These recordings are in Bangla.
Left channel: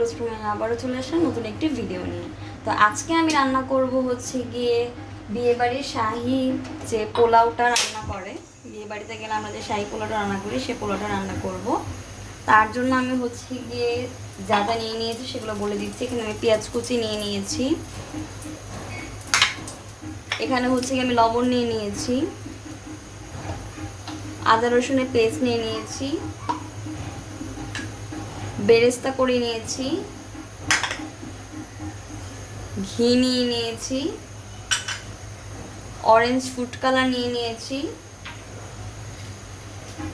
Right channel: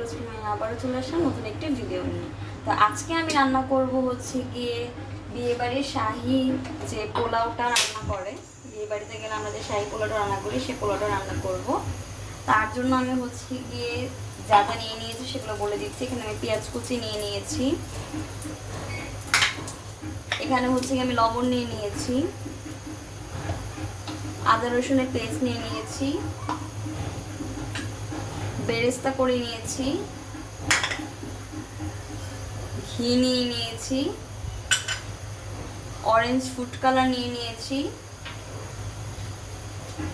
ক্লোজ রুমে আবারও চলে আসলাম নতুন একটি ভিডিও নিয়ে। তো আজকে আমি রান্না করব হচ্ছে গিয়ে বিয়েবাড়ির শাহী যে পোলাওটা রান্না করে, বিয়ে বাড়িতে গেলে আমরা যে শাহী পোলাওটা রান্না করি সে পোলাওটা রান্না করব। তার জন্য আমি হচ্ছে গিয়ে যা যা নিয়ে নিয়েছি সেগুলো বলে দিচ্ছি। এখানে আমি পেঁয়াজ কুচি নিয়ে নিয়েছি, এখানে হচ্ছে গিয়ে আমি লবণ নিয়ে নিয়েছি, আদা রসুনের পেস্ট নিয়ে নিয়েছি, বেরেস্তা করে নিয়েছি, ঘি নিয়ে নিয়েছি, অরেঞ্জ ফুড কালার নিয়ে নিয়েছি,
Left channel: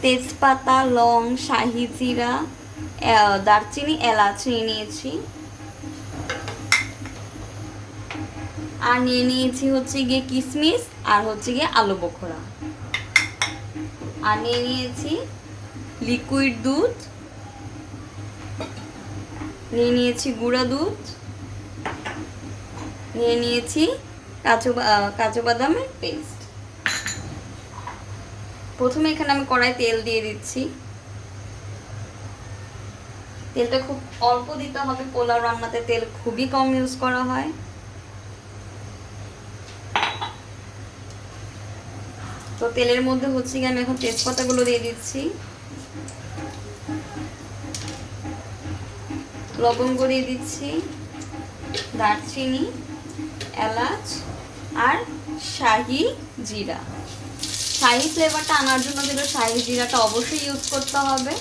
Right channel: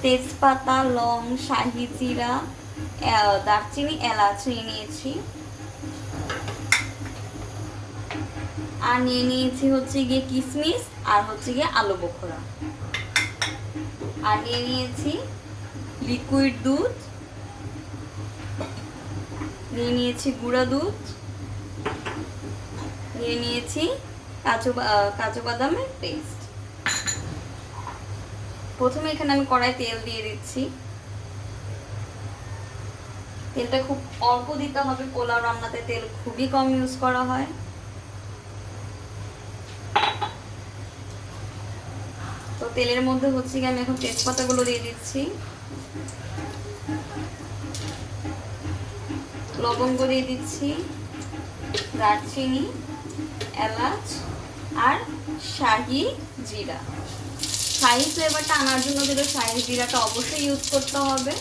তেজপাতা, লং, শাহি জিরা, দারচিনি, এলাচ নিয়ে নিয়েছি, আর নিয়ে নিয়েছি হচ্ছে গিয়ে কিশমিশ আর হচ্ছে গিয়ে আলু বোখরা, আর নিয়ে নিয়েছি লিকুইড দুধ, নিয়ে নিয়েছি গুঁড়া দুধ, নিয়ে নিয়েছি কাজু বাদামের পেস্ট। প্রথমে এখানে আমি কড়াই তেল দিয়ে দিচ্ছি। তেলটা খুব অল্প দিতে হবে, পোলাও রান্নাতে তেল খুবই কম ইউজ করা হয়। তো তেলের মধ্যে হচ্ছে কি আমি এখন তেজপাতাগুলো দিয়ে দিচ্ছি, লবঙ্গ দিয়ে দিচ্ছি, দারচিনি, এলাচ আর শাহি জিরা। শাহি ফ্লেভারটা আনার জন্য কিন্তু শাহি জিরাটা অবশ্যই ইউজ করতে হবে,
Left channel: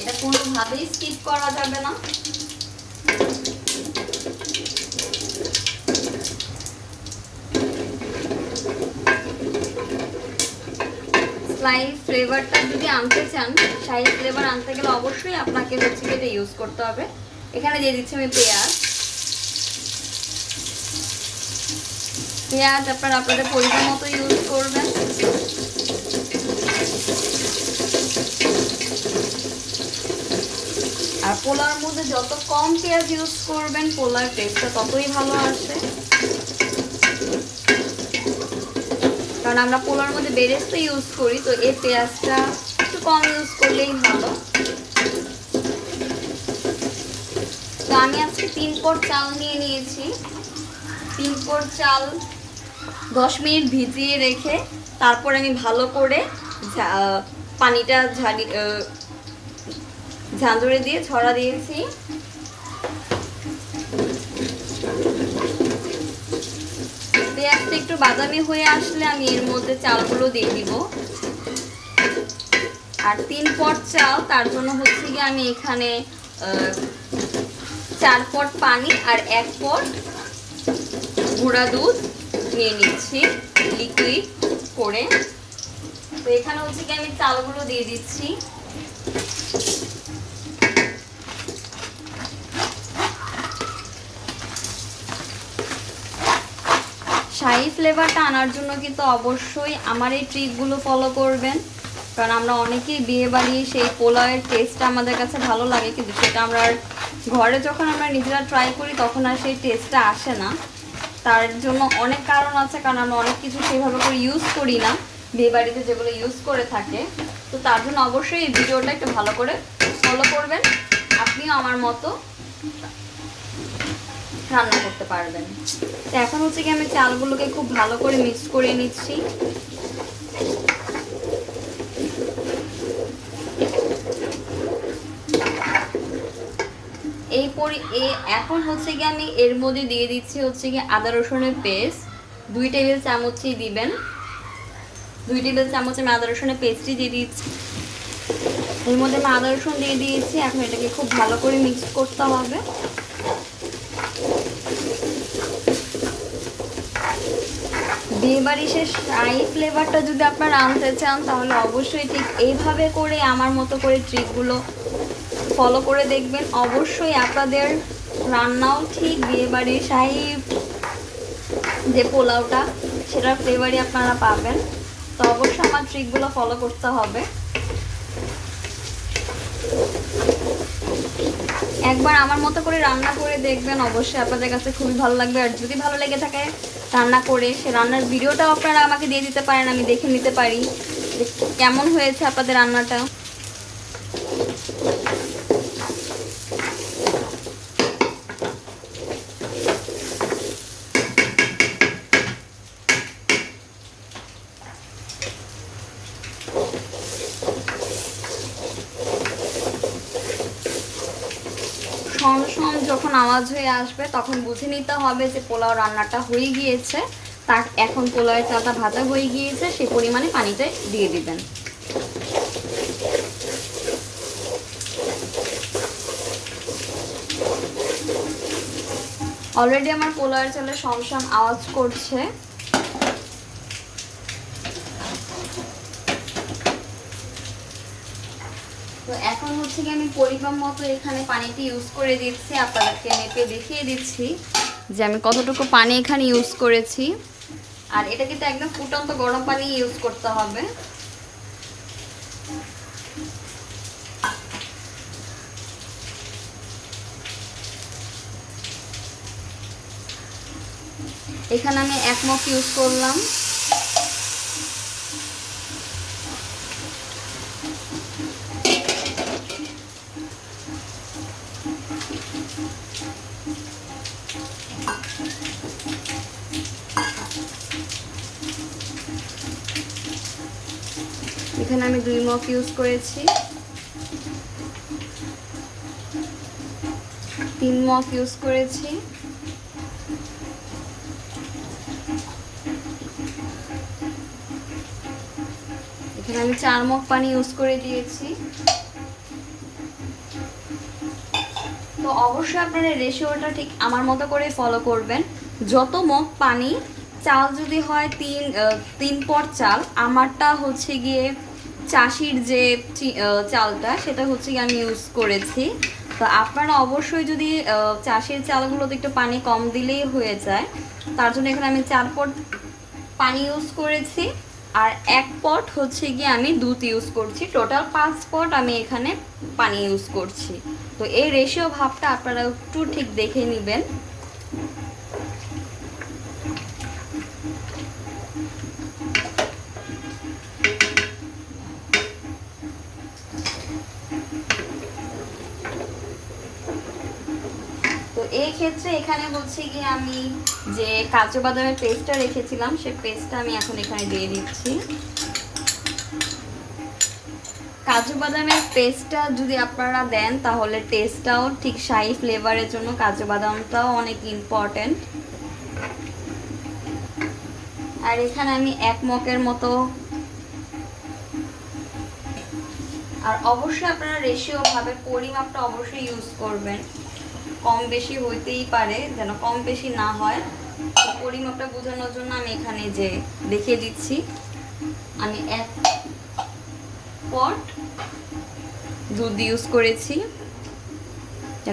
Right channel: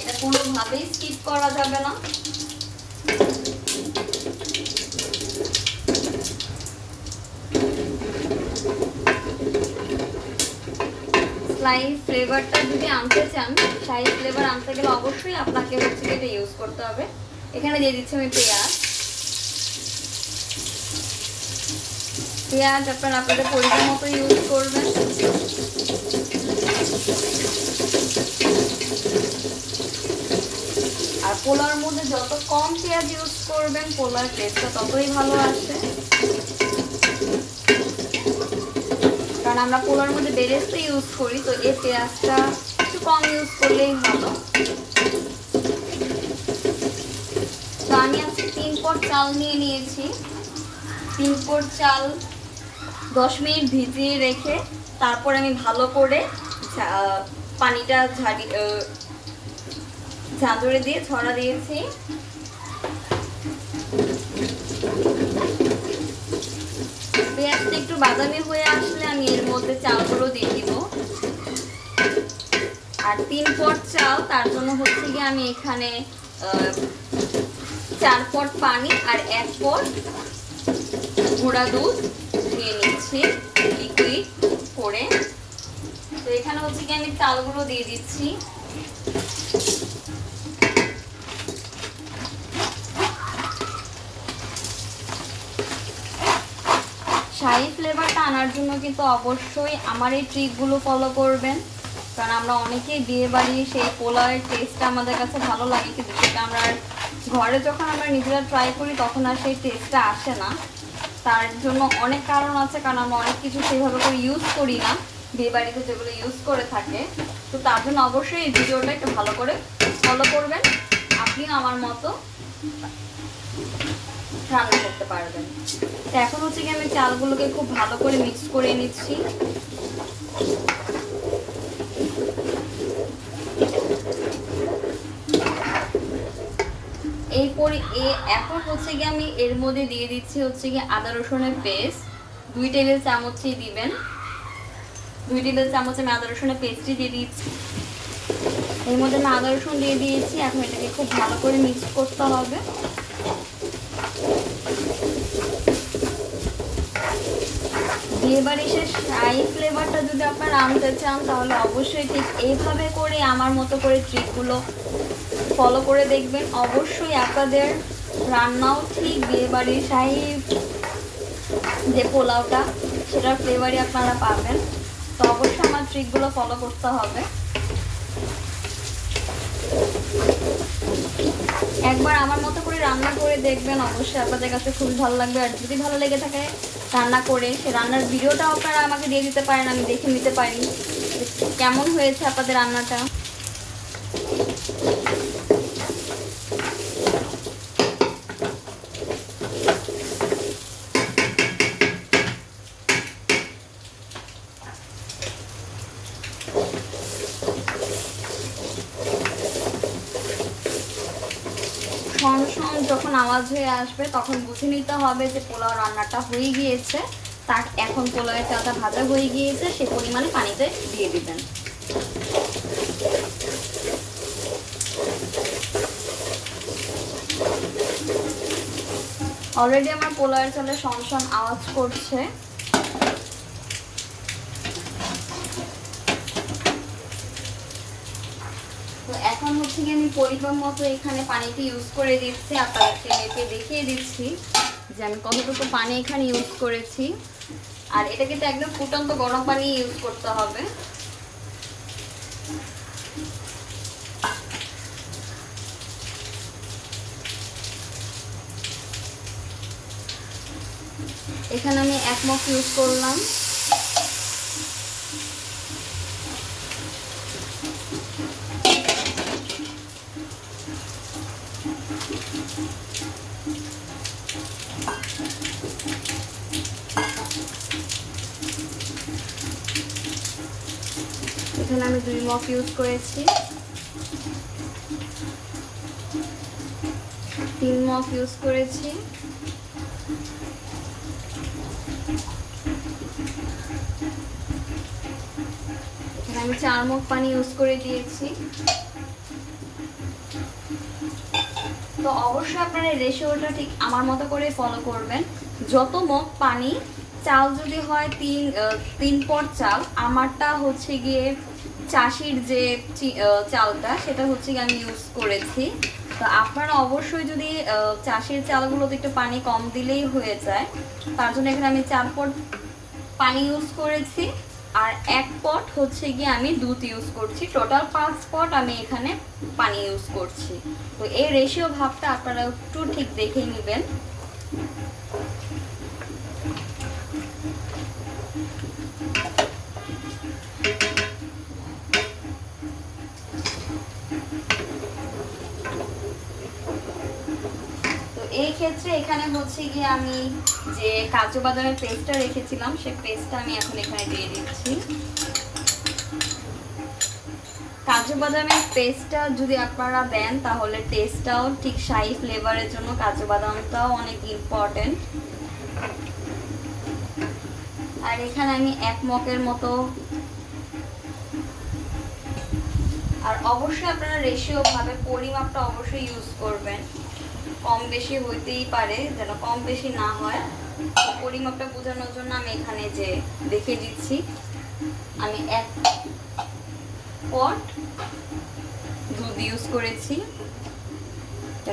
এটা কোনোভাবেই স্কিপ করা যাবে না। শাহি ফ্লেভারটা যদি আনতে চান, শাহি ফ্লেভার আনতে গেলে অবশ্যই আপনাকে হচ্ছে এটা ইউজ করতে হবে। এখানে দিয়ে দিচ্ছি আমি পেঁয়াজ। পেঁয়াজ আপনারা আপনাদের পরিমাণ মতো ইউজ করবেন। আর পোলাওর মধ্যে যত কম পেঁয়াজ ইউজ করবেন পোলার টেস্টটা ততই ভালো আসে, কারণ আমরা পোলাওর মধ্যে বেরেস্তা ইউজ করি, তো এই পেঁয়াজটা একটু কম ইউজ করলেই ভালো। তো আমি আজকে 3 পট চাল নিয়ে নিয়েছি। 3 পট চাল 10 মিনিট ভিজিয়ে রেখে তারপর আমি ভালো করে পানিটা ঝাঁঝরে দিয়ে ছড়া দিয়েছি। পেঁয়াজটা একটু বাদামি হয়ে আসলে আমি এর মধ্যে চালগুলো দিয়ে দিব। আর 3 পট চাল, তার জন্য হচ্ছে গিয়ে আমি এখানে 4 পট পানি আর 1 পট গুঁড়া দুধ নিয়ে নিচ্ছি লিকুইড করে। তো এখানে হচ্ছে গিয়ে আমি চালগুলো দিয়ে দিচ্ছি। শাহী ফ্লেভারটা আনার জন্য কিন্তু অবশ্যই আমার এই ট্রিকগুলো ফলো করবেন, কারণ আমরা অনেকেই বিয়ে বাড়ি সেই পোলাওয়ের টেস্টটা আমাদের কাছে ভালো লাগে, কিন্তু সেটা আমরা ঘরে যখন আমরা নিজেরা ট্রাই করি তখন আর সেই টেস্টটা আসে না। তার জন্য অনেক কারণ আছে, কারণ আমরা অনেক কিছু সেভাবে করে ইউজ করি না বিয়ে বাড়িতে যেগুলো ইউজ করে থাকে। তো তার জন্য অবশ্যই এই ভিডিওটা একটু ভালো করে ফলো করবেন, আপনিও আমার মতো রান্না করতে পারবেন। তো এখন হচ্ছে কি আমি চালগুলোকে খুব ভালো করে মিক্স করে নিচ্ছি। এখন হচ্ছে কি আমি এর মধ্যে দিয়ে দিচ্ছি হচ্ছে কি আদা রসুনের পেস্ট 2 টেবিল চামচই দিবেন। 2 টেবিল চামচ আমি আদা রসুনের পেস্টই দিয়ে দিচ্ছি। এর মধ্যে আমি আদা রসুন দিয়ে দিয়েছি। এখন এটাকে খুব ভালো করে মিক্স করতে হবে। বিয়েবাড়ি শেষ শাহী ফ্লেভারটা যদি আপনারা আনতে চান তাহলে অবশ্যই ঠিক এইভাবে করে আমার মতো করে ট্রিকগুলো ফলো করে দেখবেন। অবশ্যই আপনাদের রান্নাও ঠিক বিয়েবাড়ির শাহী যে পোলাওটা সেটার ফ্লেভারই আপনারা পাবেন। তো অবশ্যই আমার ট্রিকগুলো ফলো করতে হবে। একবার আমার মতো করে রান্না করে দেখবেন, অবশ্যই আপনাদের কাছে খুবই ভালো লাগবে। আর যদি ভালো লেগে থাকে রান্না করে সে রান্নার ভিডিওটাও আপনারা আমাকে দিয়ে দিতে পারেন, আমি দেখে নিতে পারি কেমন হয়েছে আপনাদের রান্নাটা। আসবে তখন বুঝে নিতে হবে যে পোলাও রান্নাটা হয়ে গিয়েছে। তার এখন পোলাওয়ের চালটা ভাজা হয়ে গিয়েছে, সে পরিমাণে পানিতে দিয়ে দিবেন। অলরেডি আমার পোলাওয়ের চালে শমশম আওয়াজ করছে। তো এখন হচ্ছে কি আমি পরিমাণ মতো এখানে পানিটি ইউজ করে দিচ্ছি, আপনাদেরকে মেপে দেখিয়ে দিচ্ছি যে আমি কতটুকু পানি এখানে ইউজ করেছি। আর এটা কিন্তু একদম ফুটন্ত গরম পানি ইউজ করতে হবে। এখানে আমি 1 মগ ইউজ করলাম। এখানে আমি 2 মগ ইউজ করেছি, 3 মগ ইউজ করেছি, এখানে আমি 4 মগ পানি ইউজ করে দিয়েছি। তো অবশ্যই আপনারা রেশিওটা ঠিক আমার মতো করে ফলো করবেন। যত মগ পানি, চাল যদি হয় 3 পট চাল, আমারটা হচ্ছে গিয়ে চাষির যে চালটা সেটা হচ্ছে গিয়ে আমি ইউজ করেছি। তো আপনারা অবশ্যই যদি চাষির চালগুলোতে একটু পানি কম দিলেই হয়ে যায়, তার জন্য এখানে আমি 4 পট পানি ইউজ করেছি। আর 1 পট হচ্ছে গিয়ে আমি দুধ ইউজ করছি। টোটাল 5 পট আমি এখানে পানি ইউজ করছি। তো এই রেশিও ভাবটা আপনারা একটু ঠিক দেখে নেবেন। এই ক্ষেত্রে এখানে হচ্ছে গিয়ে আমি যে কাজু বাদামের পেস্টটা রেখেছিলাম, সেই পেস্টটা আমি এখন এখানে দিয়ে দিচ্ছি। কাজু বাদামের পেস্টটা যদি আপনারা দেন তাহলে টেস্টটাও ঠিক শাহি ফ্লেভারের জন্য কাজু বাদামটাও অনেক ইম্পর্টেন্ট। আর এখানে আমি 1 মগের মতো, আর অবশ্যই আপনারা রেশিও ভাবে পরিমাপটা অবশ্যই ইউজ করবেন। কম বেশি হইতেই পারে, যেন কম বেশি না হয়। পরিমাপটা বোঝানোর জন্য আমি এখানে যে দেখিয়ে দিচ্ছি, আমি 1 পট দুধ ইউজ করেছি।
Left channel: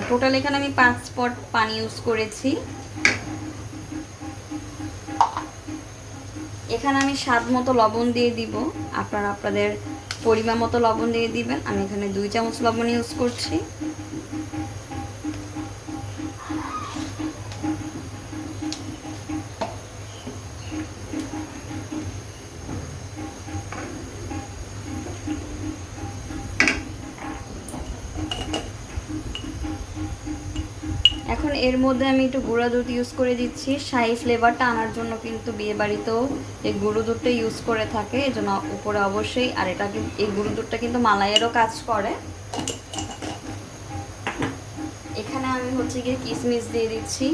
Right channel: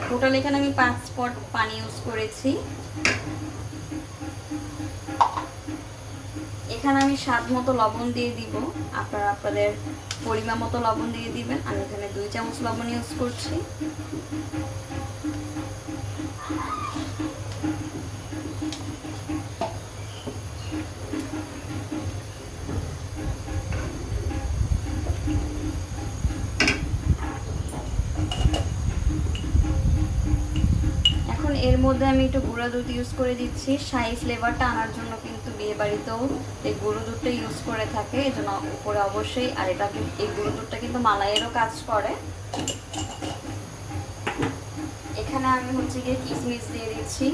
টোটাল এখানে আমি 5 পট পানি ইউজ করেছি। এখানে আমি স্বাদ মতো লবণ দিয়ে দিব, আপনারা আপনাদের পরিমাণ মতো লবণ দিয়ে দিবেন। আমি এখানে 2 চামচ লবণ ইউজ করছি। এখন এর মধ্যে আমি একটু গুঁড়া দুধ ইউজ করে দিচ্ছি। শাহি ফ্লেভারটা আনার জন্য কিন্তু বিয়ে বাড়িতেও এই গুঁড়ো দুধটা ইউজ করে থাকে, এই জন্য উপরে অবশ্যই। আর এটা এই গুঁড়ো দুধটা কিন্তু মালাইয়েরও কাজ করে। এখানে আমি হচ্ছে গিয়ে কিশমিশ দিয়ে দিচ্ছি।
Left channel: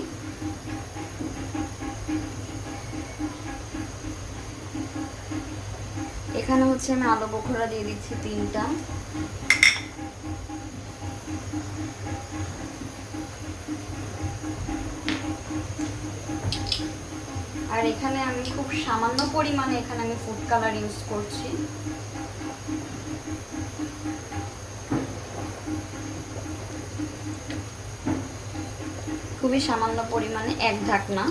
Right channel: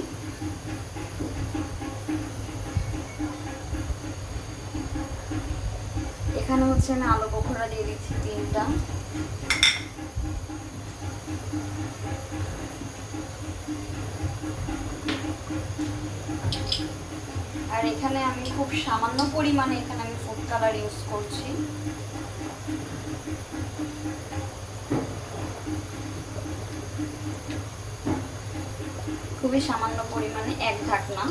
এখানে হচ্ছে আমি আলু বোখরা দিয়ে দিচ্ছি 3টা। আর এখানে আমি খুব সামান্য পরিমাণে এখানে আমি ফুড কালার ইউজ করছি। খুবই সামান্য পরিমাণে, 1 ঢাকনা।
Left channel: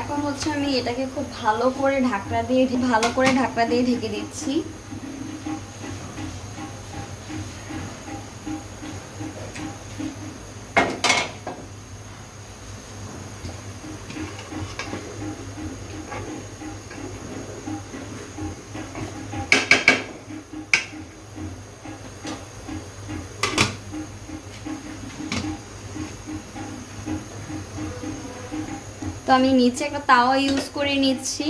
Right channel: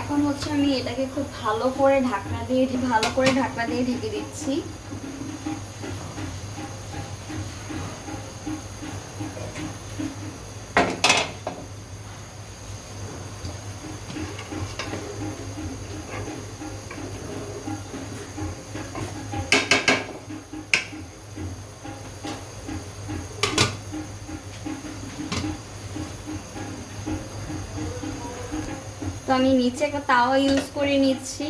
এখন হচ্ছে আমি এটাকে খুব ভালো করে ঢাকনা দিয়ে ঢেকে দিচ্ছি। আমি নিচে একটা তাওয়া ইউজ করে নিচ্ছি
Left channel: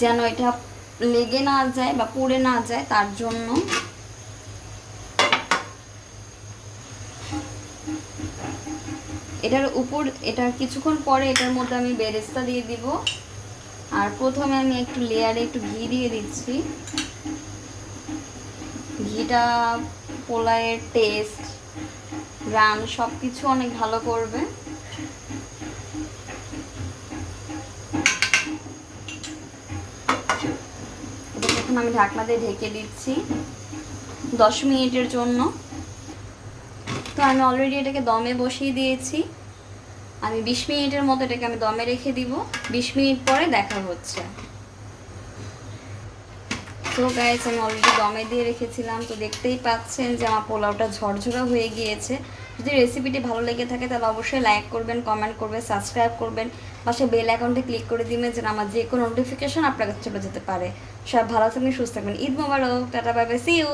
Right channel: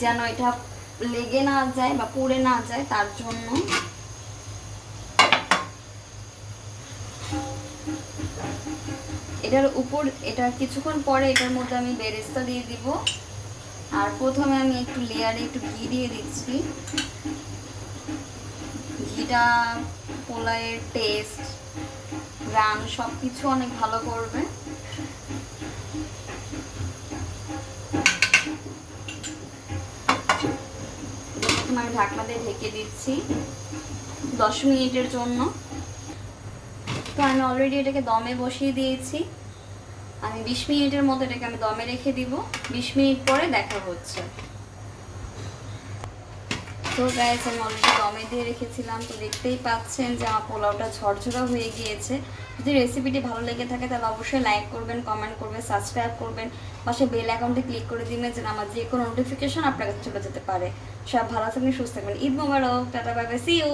যেন এটা লেগে না যায় বা পুড়ে না যায়, তার জন্য। এটার উপর, এটা কিছুক্ষণ পরে এটার মধ্যে আমি বেরেস্তা দিয়ে দিব। আর প্রথমে আমি একটু লেয়ারে একটু ঘি দিয়ে দিচ্ছি। ঘিটা পোলাওয়ের টেস্ট, গ্রাম সব কিছু অনেক ভালো করবে। এখন আমি ঢাকনা দিয়ে ঢেকে দিচ্ছি 10 মিনিটের জন্য। তো আমি অলরেডি এটাকে দমে বসিয়ে দিয়েছি। আমি 20 মিনিটের মতো এটাকে আমি দমে রেখে দিব। 20 মিনিট পরে দেখা হচ্ছে। তো গাইস, আমি অলরেডি দমে দিয়ে রেখেছিলাম, তো দেখতেই পাচ্ছেন যে আমার পোলাওটা ঝরঝরা হয়ে গিয়েছে। যদি রেসিপিটি ভালো লেগে থাকে তাহলে অবশ্যই লাইক করবেন, কমেন্ট করবেন, সাবস্ক্রাইব করবেন, পাশে বেল অ্যাকাউন্টে ক্লিক করে দিবেন যেন আমার যে কোনো নোটিফিকেশন আপনার কাছে চলে যেতে পারে। সব ভালো থাকবেন, সুস্থ থাকবেন। Eid Mubarak, tata, bye bye, see you.